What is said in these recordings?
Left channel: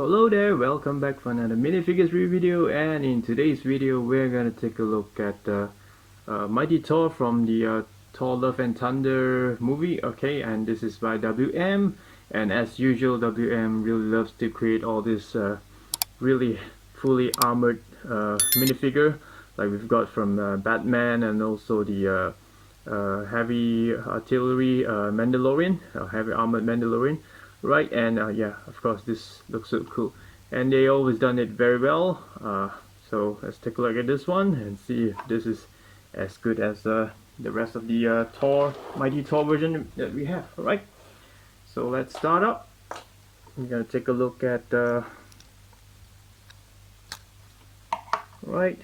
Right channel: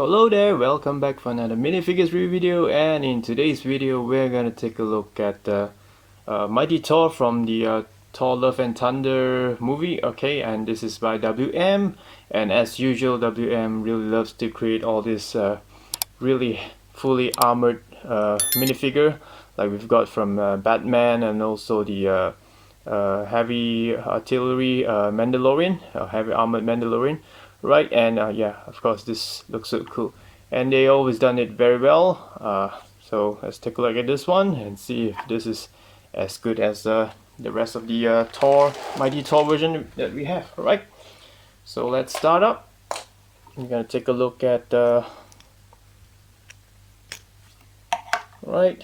Hello there, welcome back for another minifigures review video, and in today's video we're gonna take a look at Mighty Thor from the Thor Love and Thunder movie. Okay, and this is by WM, and as usual WM really loves to create all this really fully armored minifigure like we've got from Batman, and also the heavy artillery Mandalorian, heavy armored Mandalorian, right? And yeah, of course this looks so cool, and they always done it very well. So let's take a look at this one and see if this is as good as the rest of the Thor Mighty Thor version that we have. Alright, so let's start up. We're gonna take a look at right,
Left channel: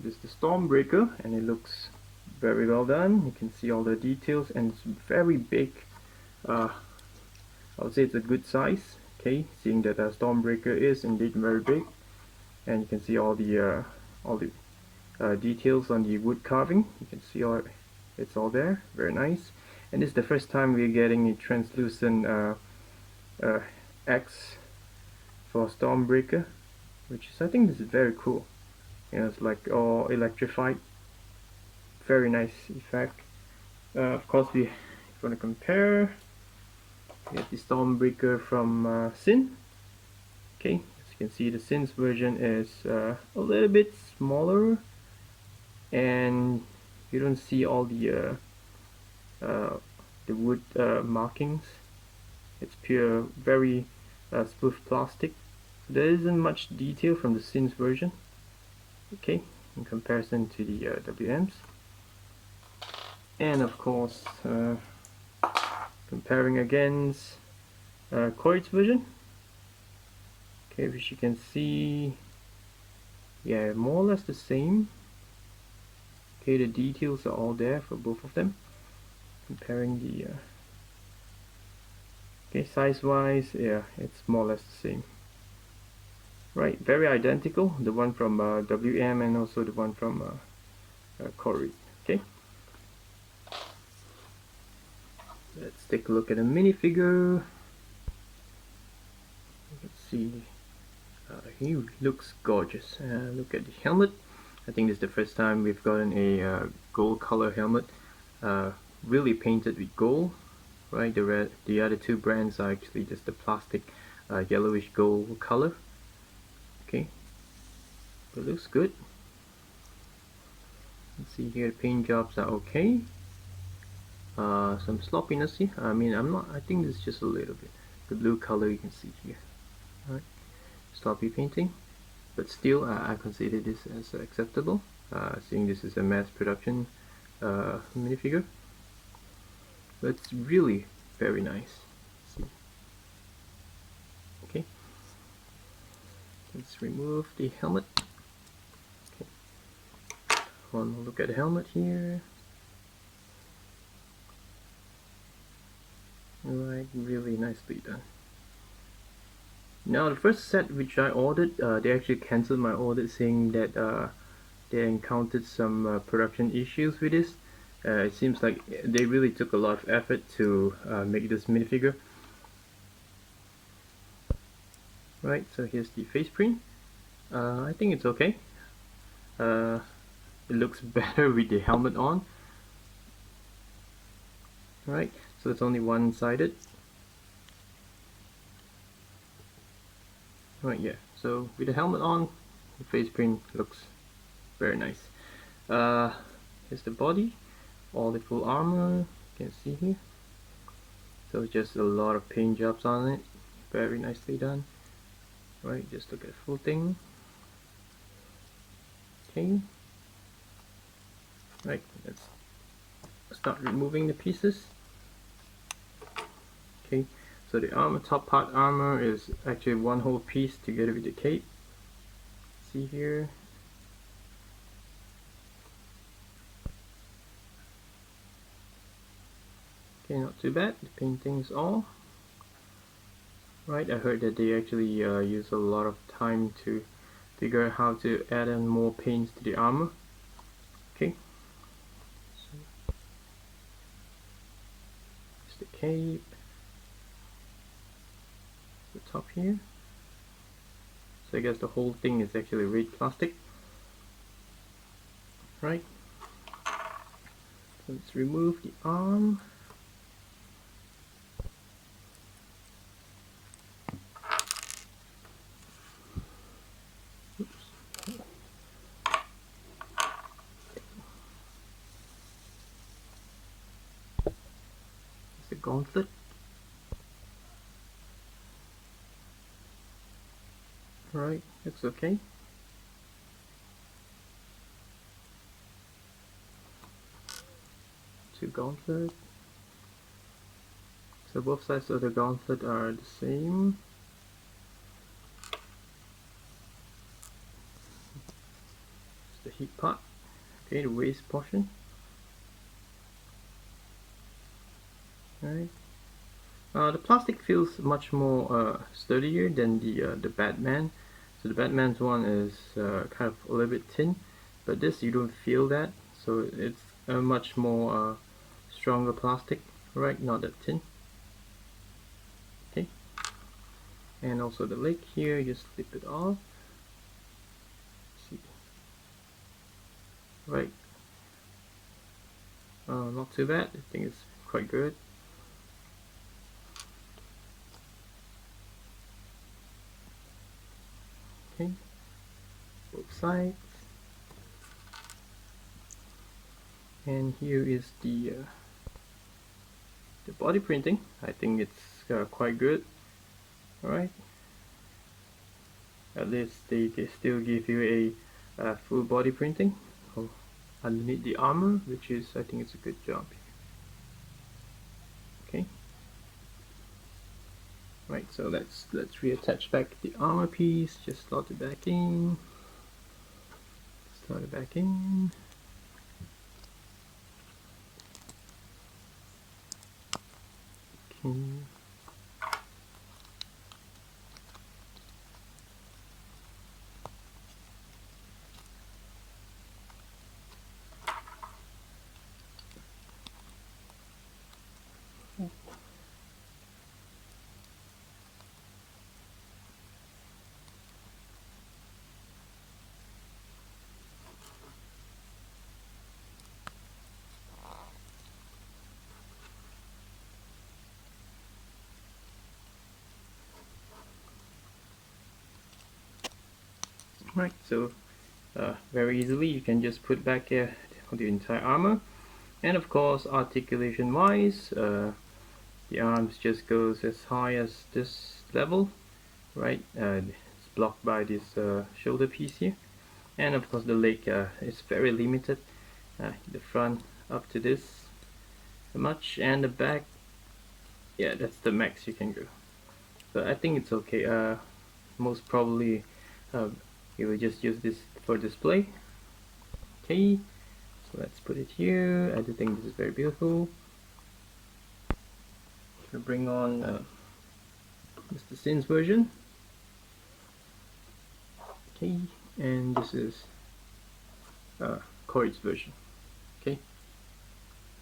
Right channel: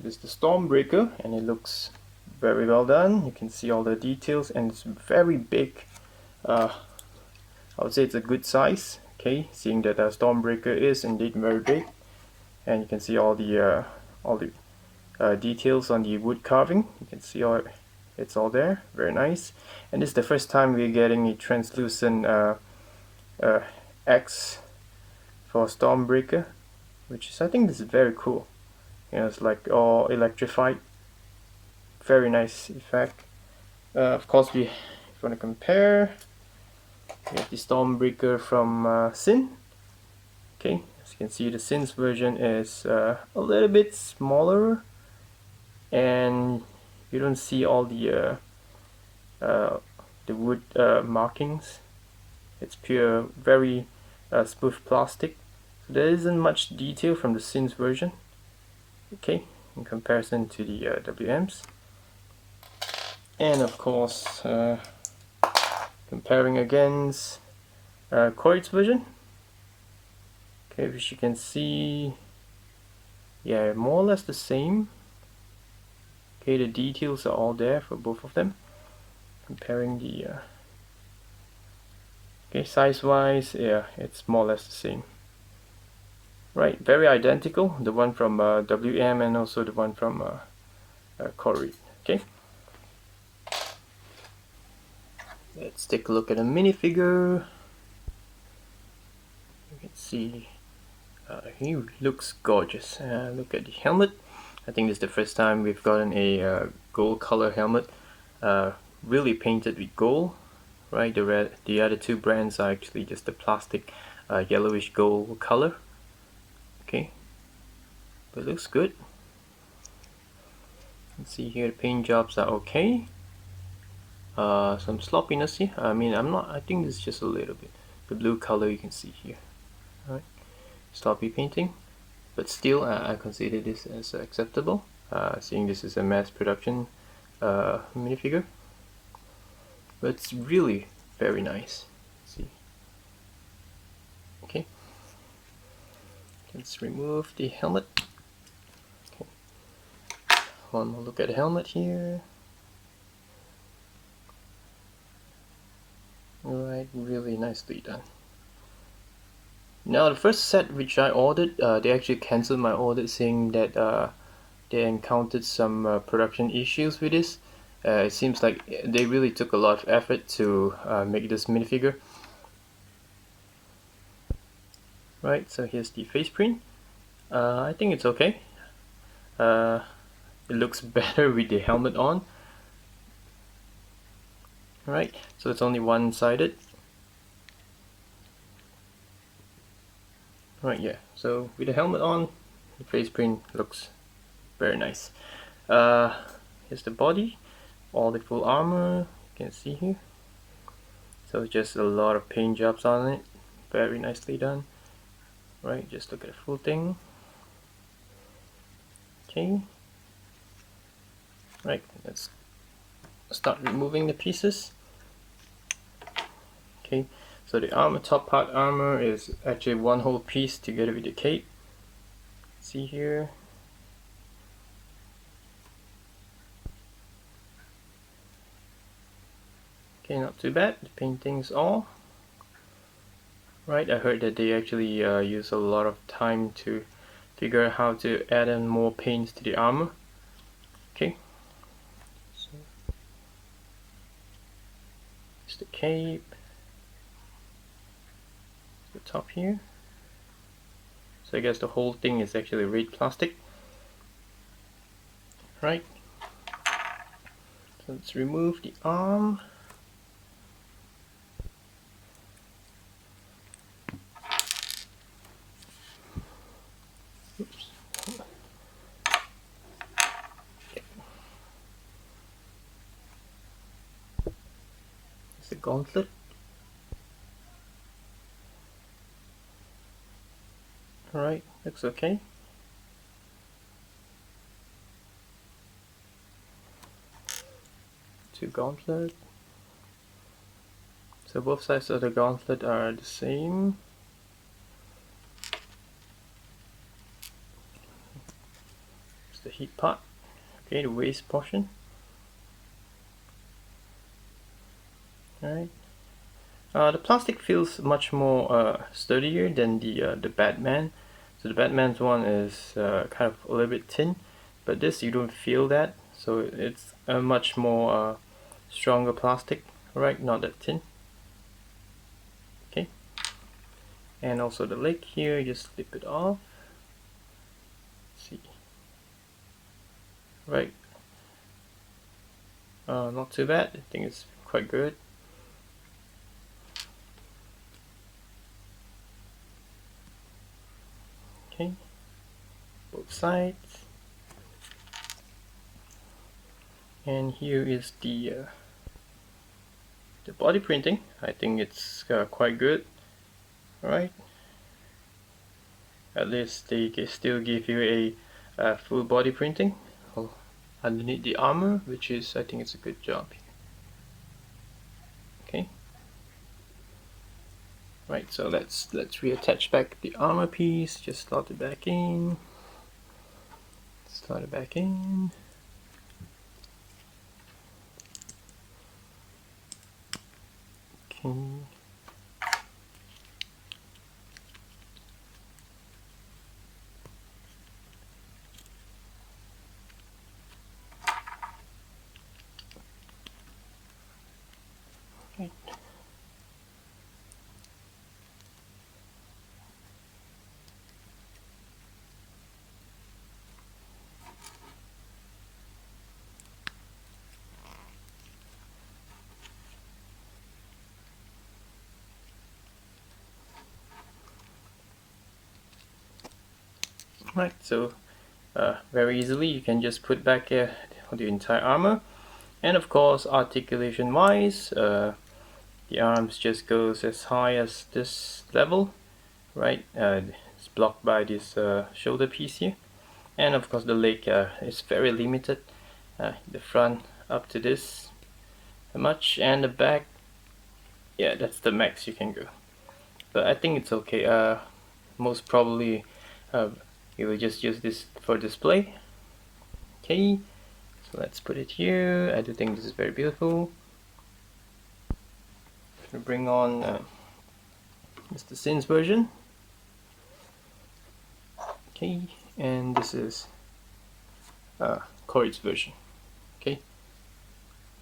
this is the Stormbreaker, and it looks very well done. You can see all the details, and it's very big. I would say it's a good size. Okay, seeing that Stormbreaker is indeed very big, and you can see all the details on the wood carving. You can see it's all there. Very nice. And this is the first time we're getting a translucent X for Stormbreaker, which is, I think this is very cool. You know, it's like all electrified. Very nice effect. Of course, we want to compare. We have the Stormbreaker from Sin. Okay, as you can see, the Sin's version is a little bit smaller, and you don't see all the wood markings. It's pure, very smooth plastic. So there isn't much detail from the Sin's version. Okay, in comparison to the WMs, and of course comparing against Corey's version. Okay, which you can see, yeah, more or less the same. Okay, the details are all there for both of them. Comparing the okay, size wise, yeah, it's more or less the same. Right, very identical, the one from WM and also the one from Corey. Okay, let's take a look at a minifigure. You can see he looks gorgeous. Look at the helmet. I think this is the first time we've gotten a gold color helmet, really painted with gold. Right, the other two brands are actually just the plastic yellowish gold color. Okay, but it looks good. Let's see here, the paint jobs are okay. Some sloppiness here. I mean, I think this is just a little bit. The blue color you can see here. Alright, sloppy painting, but still I consider this as acceptable, seeing this is a mass production minifigure. But it's really very nice. See. Okay. Let's remove the helmet. Okay. One more look at the helmet here. Alright, really nicely done. Now the first set which I ordered, they actually cancelled my order, saying that they encountered some production issues with this. It seems like they really took a lot of effort to make this minifigure. Right, so here's the face print. I think it's okay. It looks better with the helmet on. Right, so it's only one-sided. Right, yeah, so with the helmet on, the face print looks very nice. Here's the body, all the full armor, you can see here. So just a lot of paint jobs on it, very nicely done. Right, just look at the full thing. Okay. Right, let's start removing the pieces. Okay, so the armor, top part armor is actually one whole piece together with the cape. See here. Okay, not too bad. The painting's all right. I heard that they actually use a lot of time to figure out how to add in more paints to the armor. Okay, so the cape, the top here. So I guess the whole thing is actually red plastic, right? So let's remove the arm. Oops. It's the gauntlet. Alright, looks okay. Two gauntlet. So both sides of the gauntlet are the same. It's the heat part. Okay, the waist portion. Alright. The plastic feels much more sturdier than the Batman. So the Batman's one is kind of a little bit thin, but this you don't feel that. So it's a much more stronger plastic, right? Not that thin. Okay. And also the leg here, just slip it off. Let's see. Right. Not too bad. I think it's quite good. Okay, both sides, and here is the body printing. I think it's quite good. All right, at least they still give you a full body printing underneath the armor, which is, I think it's a good job. Okay. Right, so let's reattach back the armor piece. Just slot it back in. Slot it back in. Okay. Okay. Right, so very easily you can just put back the entire armor, and of course articulation wise, the arms just goes as high as this level, right? It's blocked by this shoulder piece here, and of course the leg is very limited. The front up to this much, and the back, yeah, that's the max you can go. But I think it's okay. Most probably we will just use this for display. Okay, so let's put it here. I do think this is very beautiful. We'll bring on Mr. Sin's version. Okay, and this is Corey's version. Okay,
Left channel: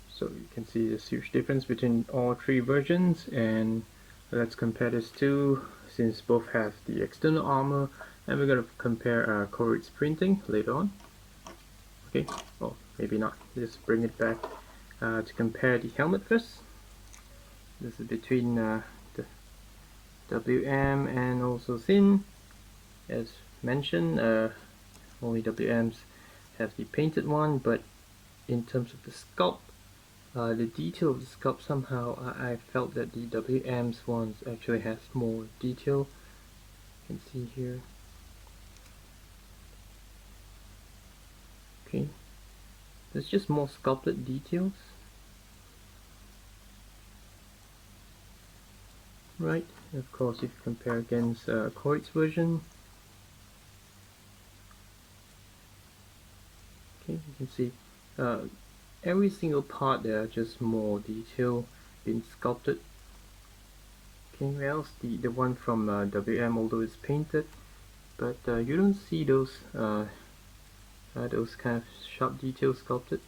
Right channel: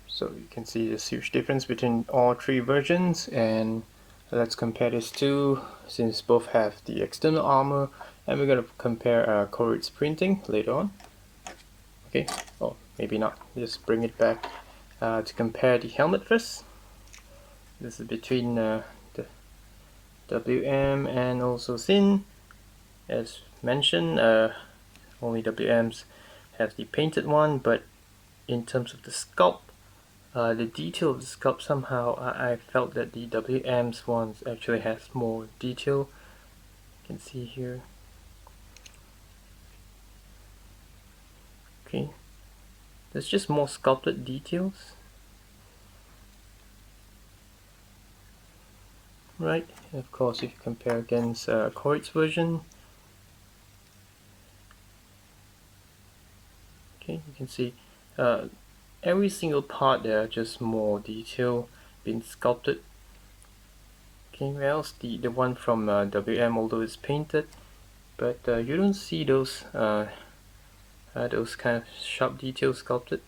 so you can see this huge difference between all three versions, and let's compare these two since both have the external armor, and we're going to compare Corey's printing later on. Okay, oh, maybe not. Just bring it back to compare the helmet first. This is between the WM and also Sin. As mentioned, only WMs have the painted one, but in terms of the sculpt, the detail of the sculpt, somehow I felt that the WM's ones actually has more detail. You can see here. Okay, there's just more sculpted details. Right, and of course if you compare against Corey's version, okay, you can see every single part there are just more detail being sculpted. Okay, whereas the one from WM, although it's painted, but you don't see those kind of sharp details sculpted,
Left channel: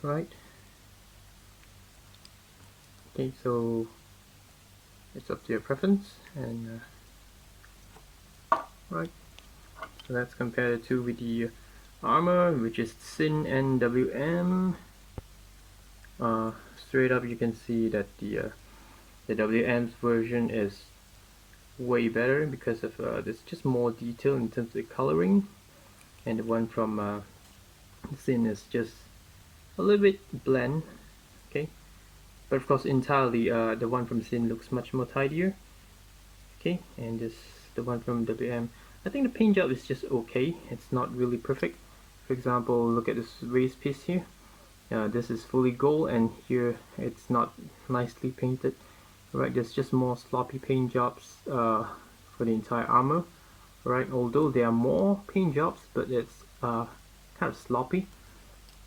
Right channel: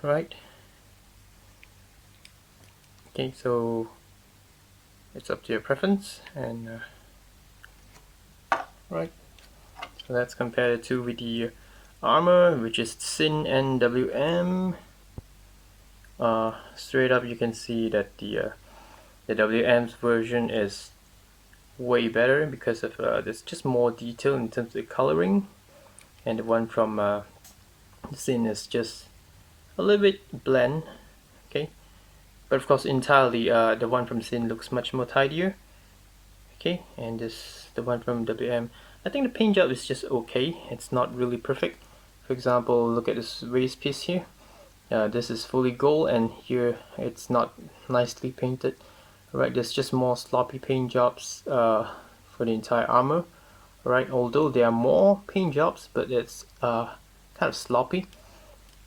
right? Okay, so it's up to your preference, and right. So let's compare the two with the armor, which is Sin and WM. Straight up, you can see that the WM's version is way better because of there's just more detail in terms of the coloring, and the one from Sin is just a little bit bland. Okay, but of course entirely the one from Sin looks much more tidier. Okay, and the one from WM, I think the paint job is just okay. It's not really perfect. For example, look at this waist piece here. This is fully gold, and here it's not nicely painted. Right, there's just more sloppy paint jobs for the entire armor. Right, although there are more paint jobs, but it's kind of sloppy.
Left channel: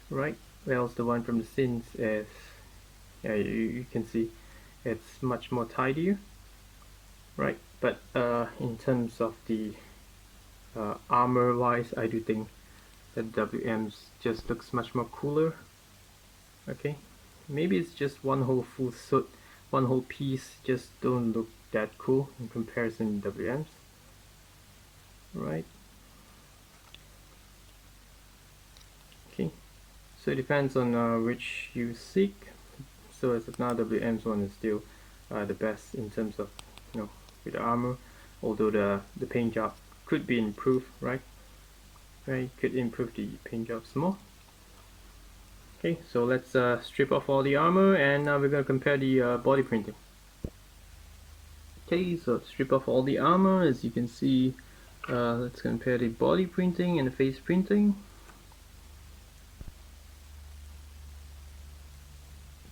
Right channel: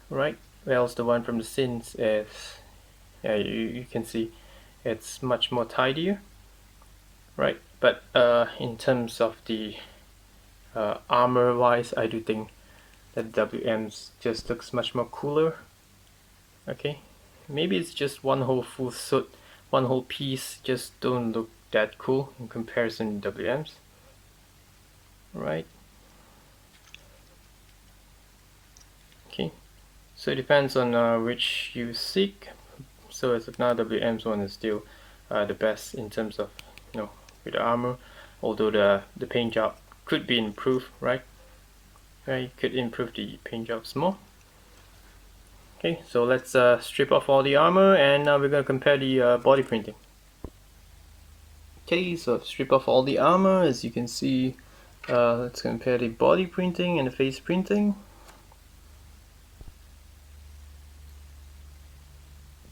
Right, whereas the one from the Sins is, yeah, you can see it's much more tidier. Right, but in terms of the armor wise, I do think that WM's just looks much more cooler. Okay, maybe it's just one whole full suit, one whole piece just don't look that cool in comparison to WM's. Right, okay, so it depends on which you seek. So as of now, WM's one is still the best in terms of, you know, with the armor, although the paint job could be improved, right? Right, could improve the paint jobs more. Okay, so let's strip off all the armor, and now we're going to compare the body printing. Okay, so strip off all the armor. As you can see, let's compare the body printing and the face printing.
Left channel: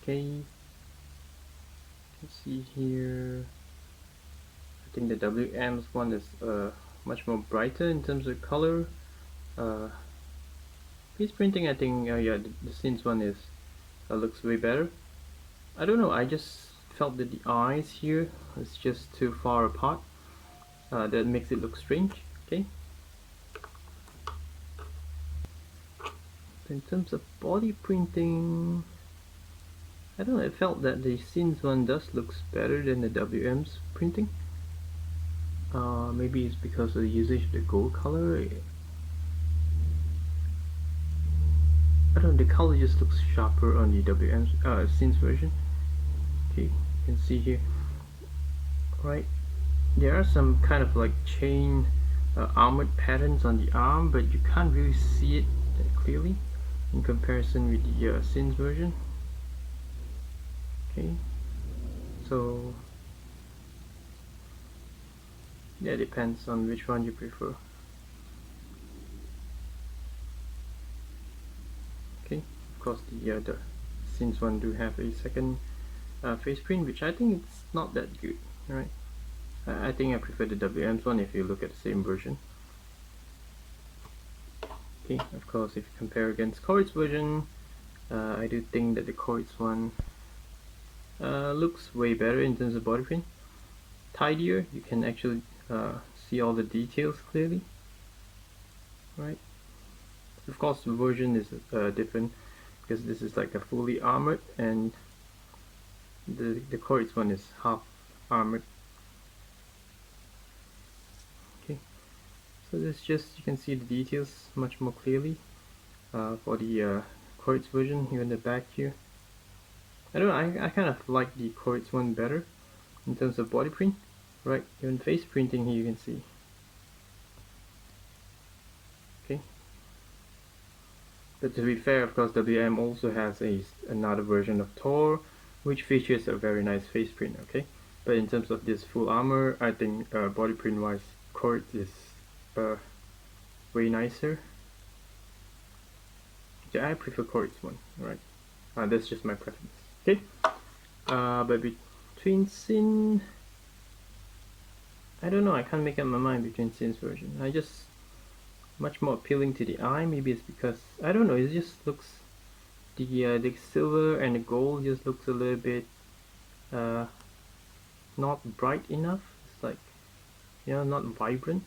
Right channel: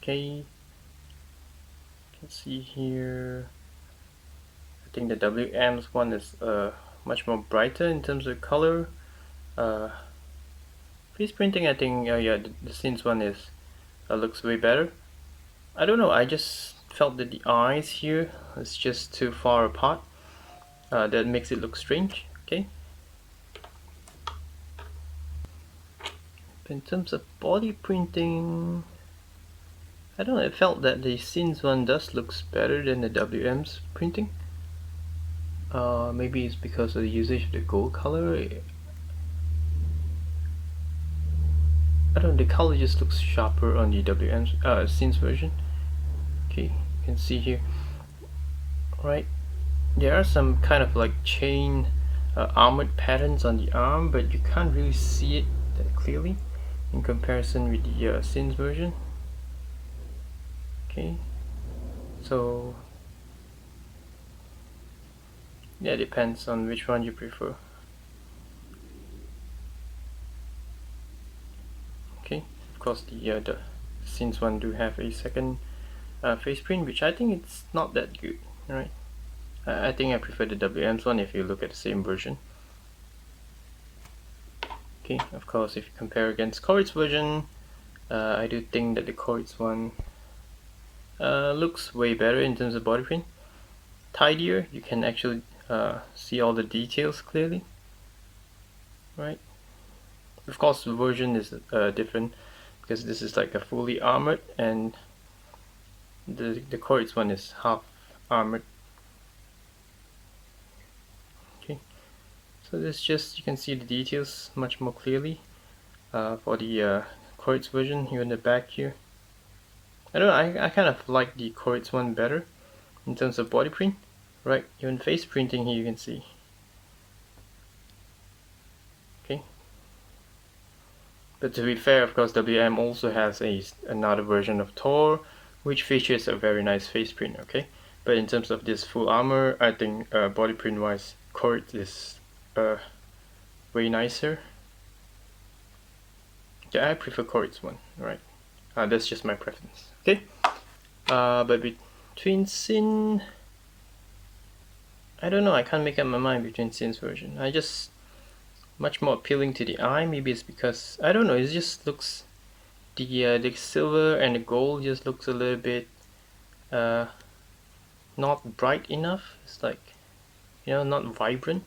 Okay, you can see here, I think the WM's one is much more brighter in terms of color. Face printing, I think, yeah, the Sins one is looks way better. I don't know, I just felt that the eyes here is just too far apart. That makes it look strange. Okay. But in terms of body printing, I don't know, I felt that the Sins one does looks better than the WM's printing. Maybe it's because of the usage of the gold color. I don't know, the color just looks sharper on the WM's Sins version. Okay, you can see here. Right, there are some kind of like chain armored patterns on the arm, but you can't really see it that clearly in comparison with the Sins version. Okay, so yeah, it depends on which one you prefer. Okay, of course the Sins one do have a second face print, which I think it's not that good. Right, I think I prefer the WM's one if you look at the same version. Okay, of course, if you compare against Corrid's version, I do think that the Corrid's one looks way better in terms of body print. Tidier, you can actually see all the details clearly. Right. Of course, the version is different because this is like a fully armored, and the Corrid's one is half armored. Okay, so this just, you can see the details much more clearly for the Corrid's version. Here in the back here, I don't know, I kind of like the Corrid's one better in terms of body print. Right, even face printing here you can see. Okay, but to be fair, of course, WM also has another version of Thor, which features a very nice face print. Okay, but in terms of this full armor, I think body print wise, Corrid is way nicer. Yeah, I prefer Corrid's one. Right, that's just my preference. Okay, but between Sin, I don't know, I can't make up my mind between Sin's version. I just much more appealing to the eye. Maybe it's because, I don't know, it just looks, the silver and the gold just looks a little bit not bright enough. It's like, you know, not vibrant.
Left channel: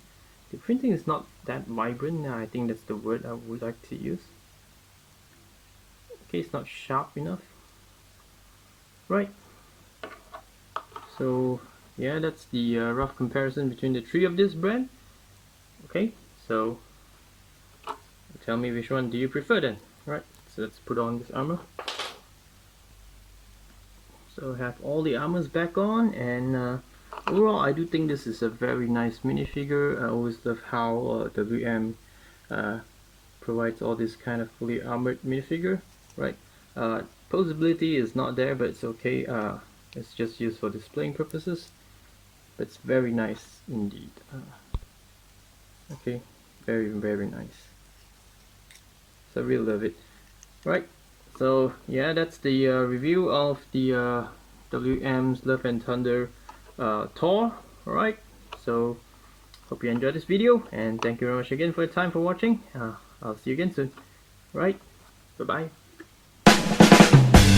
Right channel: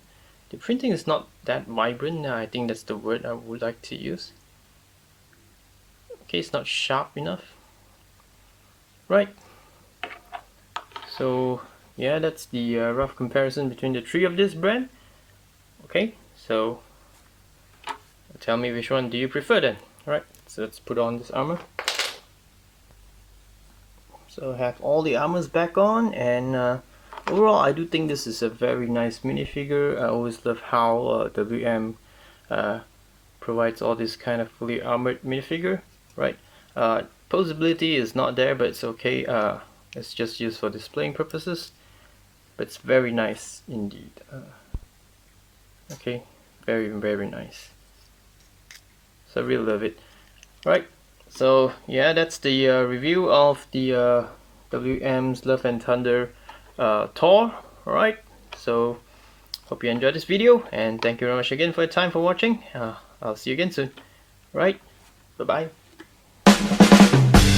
The printing is not that vibrant. I think that's the word I would like to use. Okay, it's not sharp enough. Right, So yeah, that's the rough comparison between the three of this brand. Okay, so tell me which one do you prefer then. Alright, so let's put on this armor. So I have all the armors back on, and overall I do think this is a very nice minifigure. I always love how WM provides all this kind of fully armored minifigure, right? Posability is not there, but it's okay. It's just used for displaying purposes, but it's very nice indeed. Okay, very nice. So I really love it. Right, so yeah, that's the review of the WM's Love and Thunder Thor. Alright, so hope you enjoyed this video, and thank you very much again for your time for watching. I'll see you again soon. Right, bye bye.